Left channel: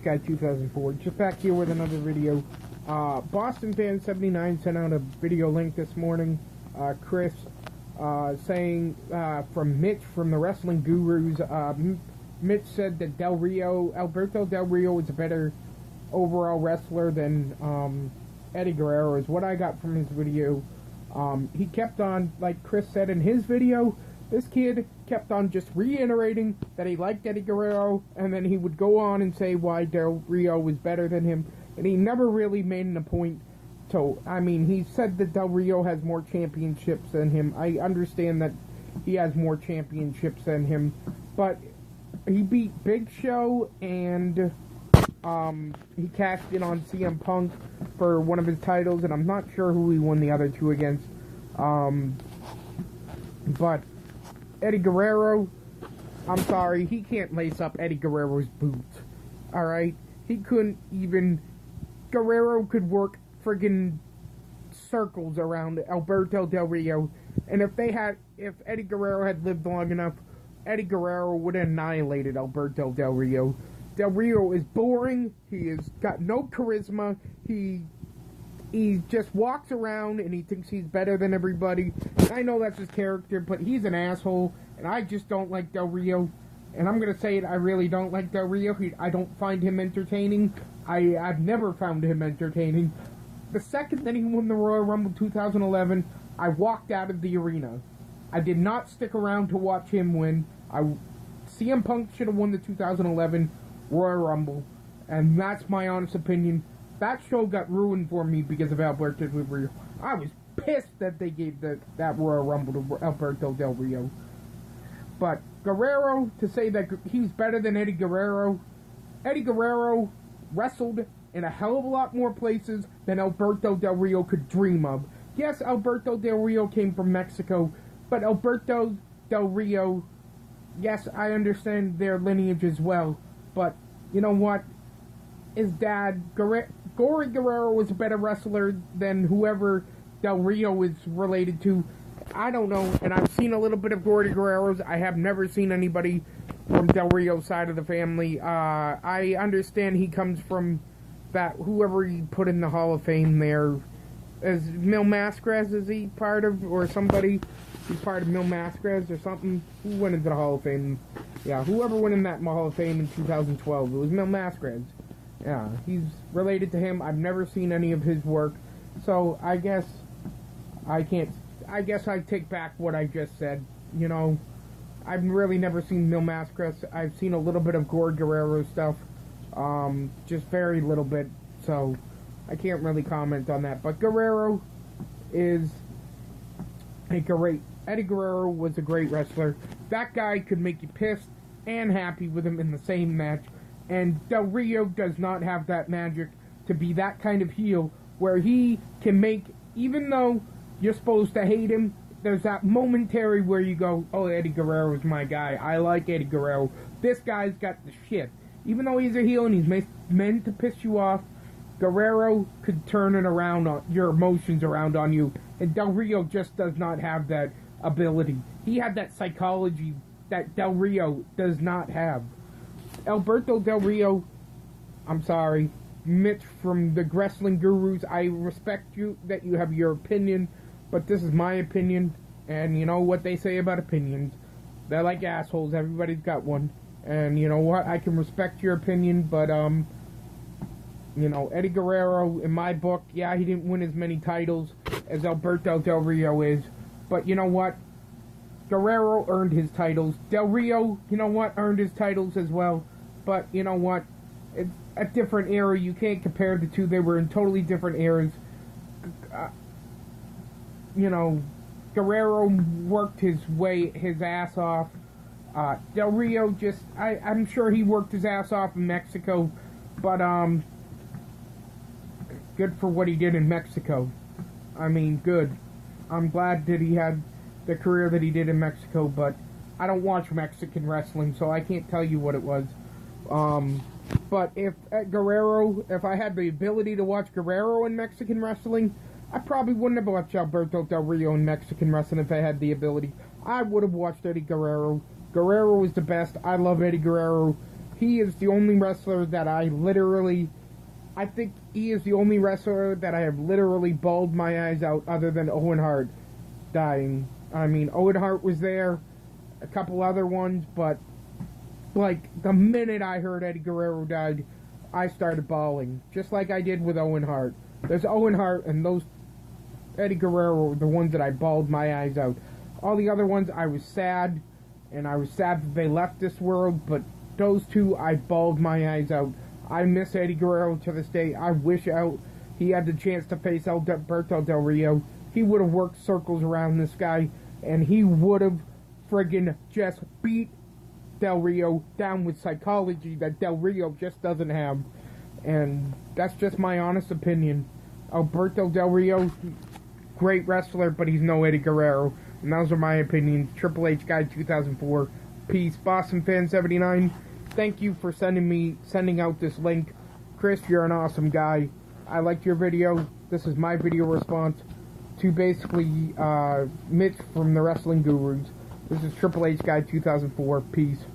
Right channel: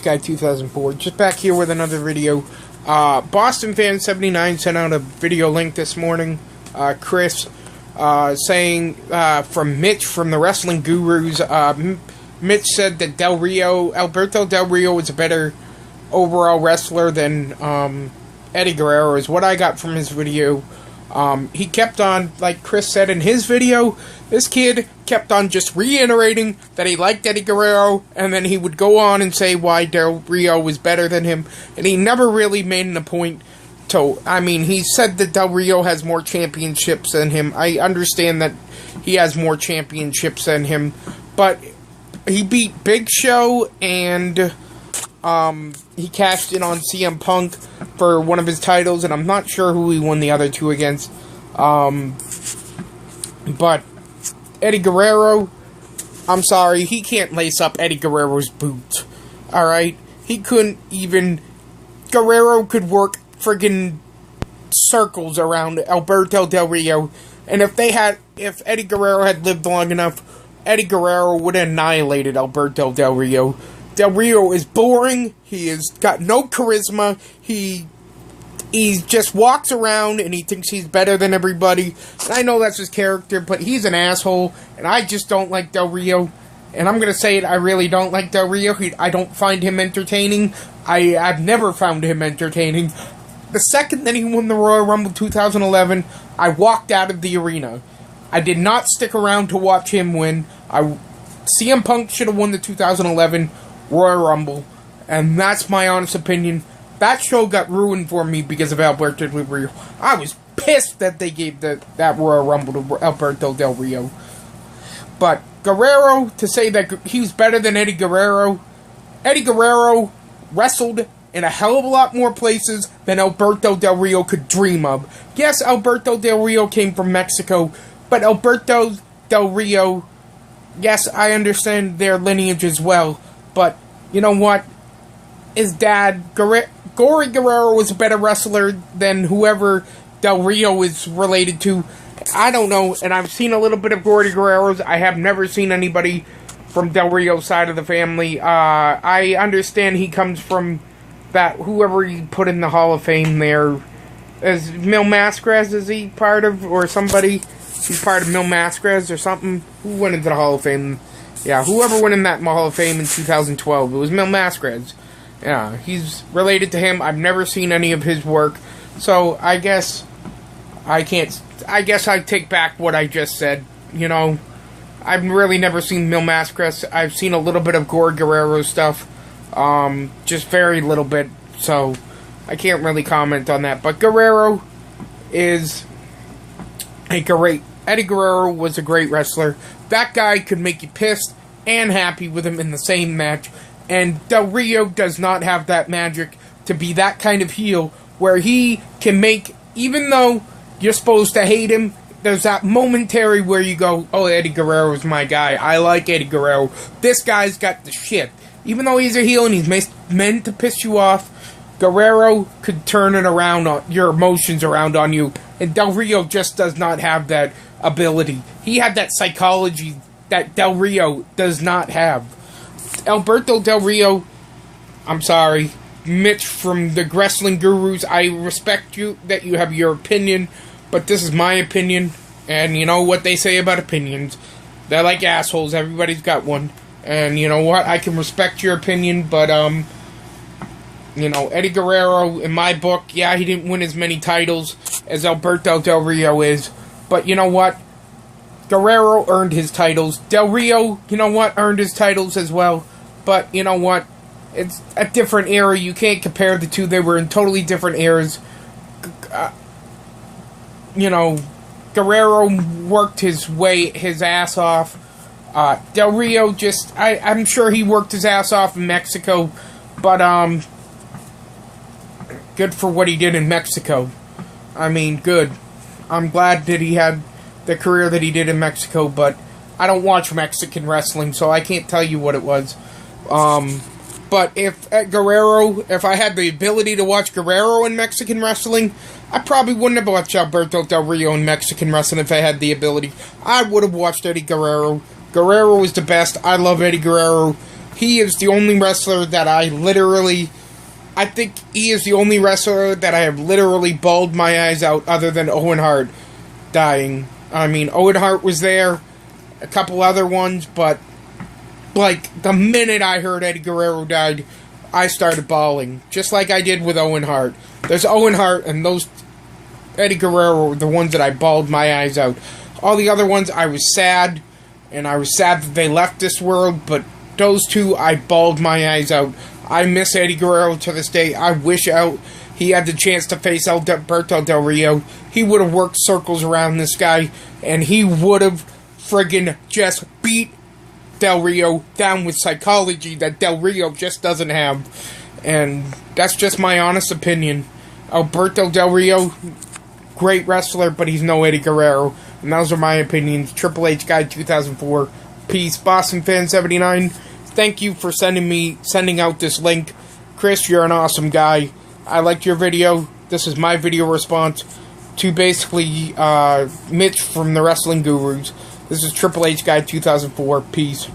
Guy 2004, just back here with another video. Boston Fan 79 sent out a video link this morning. Chris saying from Mitch from the Wrestling Gurus. Mitch said that Alberto Del Rio is a better overall wrestler than Eddie Guerrero, is what I got from his video. He kept on, like Chris said in his video, this kid kept on just reiterating that he liked Eddie Guerrero, and then he would go on and say why Del Rio was better than him, and he never really made a point to, he said that Del Rio has more championships than him. I understand that he has more championships than him, but he beat Big Show, and he cashed in on CM Punk for one of his titles, and I'm not sure who he won the other two against. But Eddie Guerrero, I'm sorry, he can't lace up Eddie Guerrero's boots. Alright? He couldn't even... Guerrero could work friggin' circles around Alberto Del Rio, and if Eddie Guerrero had lived long enough, Eddie Guerrero would have annihilated Alberto Del Rio. Del Rio is boring. He has got no charisma. He just walks around and he thinks he's better than everybody. I know that's his character, but he's an asshole, and I just don't like Del Rio. And I'm going to say it, I really don't like Del Rio. I don't find him entertaining. I've never found him entertaining. The second that he won the Royal Rumble 2011, I walked out of the arena. I did not stick around to watch him win. CM Punk should have won the 2011 Royal Rumble, and that's my honest opinion. That show got ruined for me because of Alberto Del Rio. I was pissed that they gave that Royal Rumble to Alberto Del Rio. But Guerrero, to say that he was better than Eddie Guerrero wrestled in a hell of a lot more places than Alberto Del Rio could dream of. Yes, Alberto Del Rio came from Mexico, but Alberto Del Rio, yes, I understand their lineage as well, but you know what? His dad, Gory Guerrero, was a better wrestler than whoever Del Rio is related to. I don't know, and I've seen a little bit of Gory Guerrero's. I have never seen anybody from Del Rio's side of the family. I understand he comes from that, whoever he put in the Hall of Fame there. Is Mil Mascaras, is he part of, or somebody? He's part of Mil Mascaras or something. Who went into the Hall of Fame? Yeah, whoever went in that Hall of Fame in 2012. It was Mil Mascaras. Yeah, he's related to him. I've never seen any of his work. So, I guess I take back what I just said. You know, I've really never seen Mil Mascaras. I've seen a little bit of Gory Guerrero stuff. Just very little bit. So, I can't really comment on that. But Guerrero is Eddie Guerrero was a great wrestler. That guy could make you pissed and happy with him in the same match. And Del Rio does not have that magic to be that kind of heel where he can make, even though you're supposed to hate him, there's that momentary where you go, oh, Eddie Guerrero is my guy. I like Eddie Guerrero. This guy's got the shit. Even though he's a heel and he's meant to piss you off, Guerrero could turn it around, your emotions around on you. And Del Rio just does not have that ability. He had that psychology that Del Rio does not have. Alberto Del Rio, I'm sorry, Mitch from the Wrestling Gurus, I respect you, that you have your opinion, but this is my opinion, and you know what they say about opinions. They're like assholes, everybody's got one, and you know what, I can respect your opinion, but, you know, Eddie Guerrero, in my book, yeah, he didn't win as many titles as Alberto Del Rio is, but you know what? Guerrero earned his titles. Del Rio, you know what, earned his titles as well. But, you know what, it's a different era. You can't compare the two. They were in totally different eras. You know, Guerrero worked his ass off. Del Rio just, I'm sure he worked his ass off in Mexico. But, good for what he did in Mexico. I mean, good. I'm glad that he had the career that he did in Mexico, but I don't watch Mexican wrestling, so I can't tell you what it was. But if I had the ability to watch Guerrero in Mexican wrestling, I probably wouldn't have watched Alberto Del Rio in Mexican wrestling if I had the ability. I would have watched Eddie Guerrero. Guerrero was the best. I love Eddie Guerrero. he is the only wrestler that I think he is the only wrestler that I have literally bawled my eyes out other than Owen Hart dying. I mean, Owen Hart was there, a couple other ones, but like the minute I heard Eddie Guerrero died, I started bawling, just like I did with Owen Hart. There's Owen Hart and those Eddie Guerrero were the ones that I bawled my eyes out. All the other ones I was sad, and I was sad that they left this world, but those two I bawled my eyes out. I miss Eddie Guerrero to this day. I wish he had the chance to face Alberto Del Rio. He would have worked circles around this guy, and he would have friggin' just beat Del Rio down with psychology that Del Rio just doesn't have. And that's just my honest opinion. Alberto Del Rio, great wrestler, but he's no Eddie Guerrero. And those are my opinions. Triple H Guy 2004. Peace. Boston Fan 79. Thank you for sending out this link. Chris, you're an awesome guy. I liked your video. This is my video response to basically Mitch from the Wrestling Gurus. This is Triple H Guy 2004. Peace.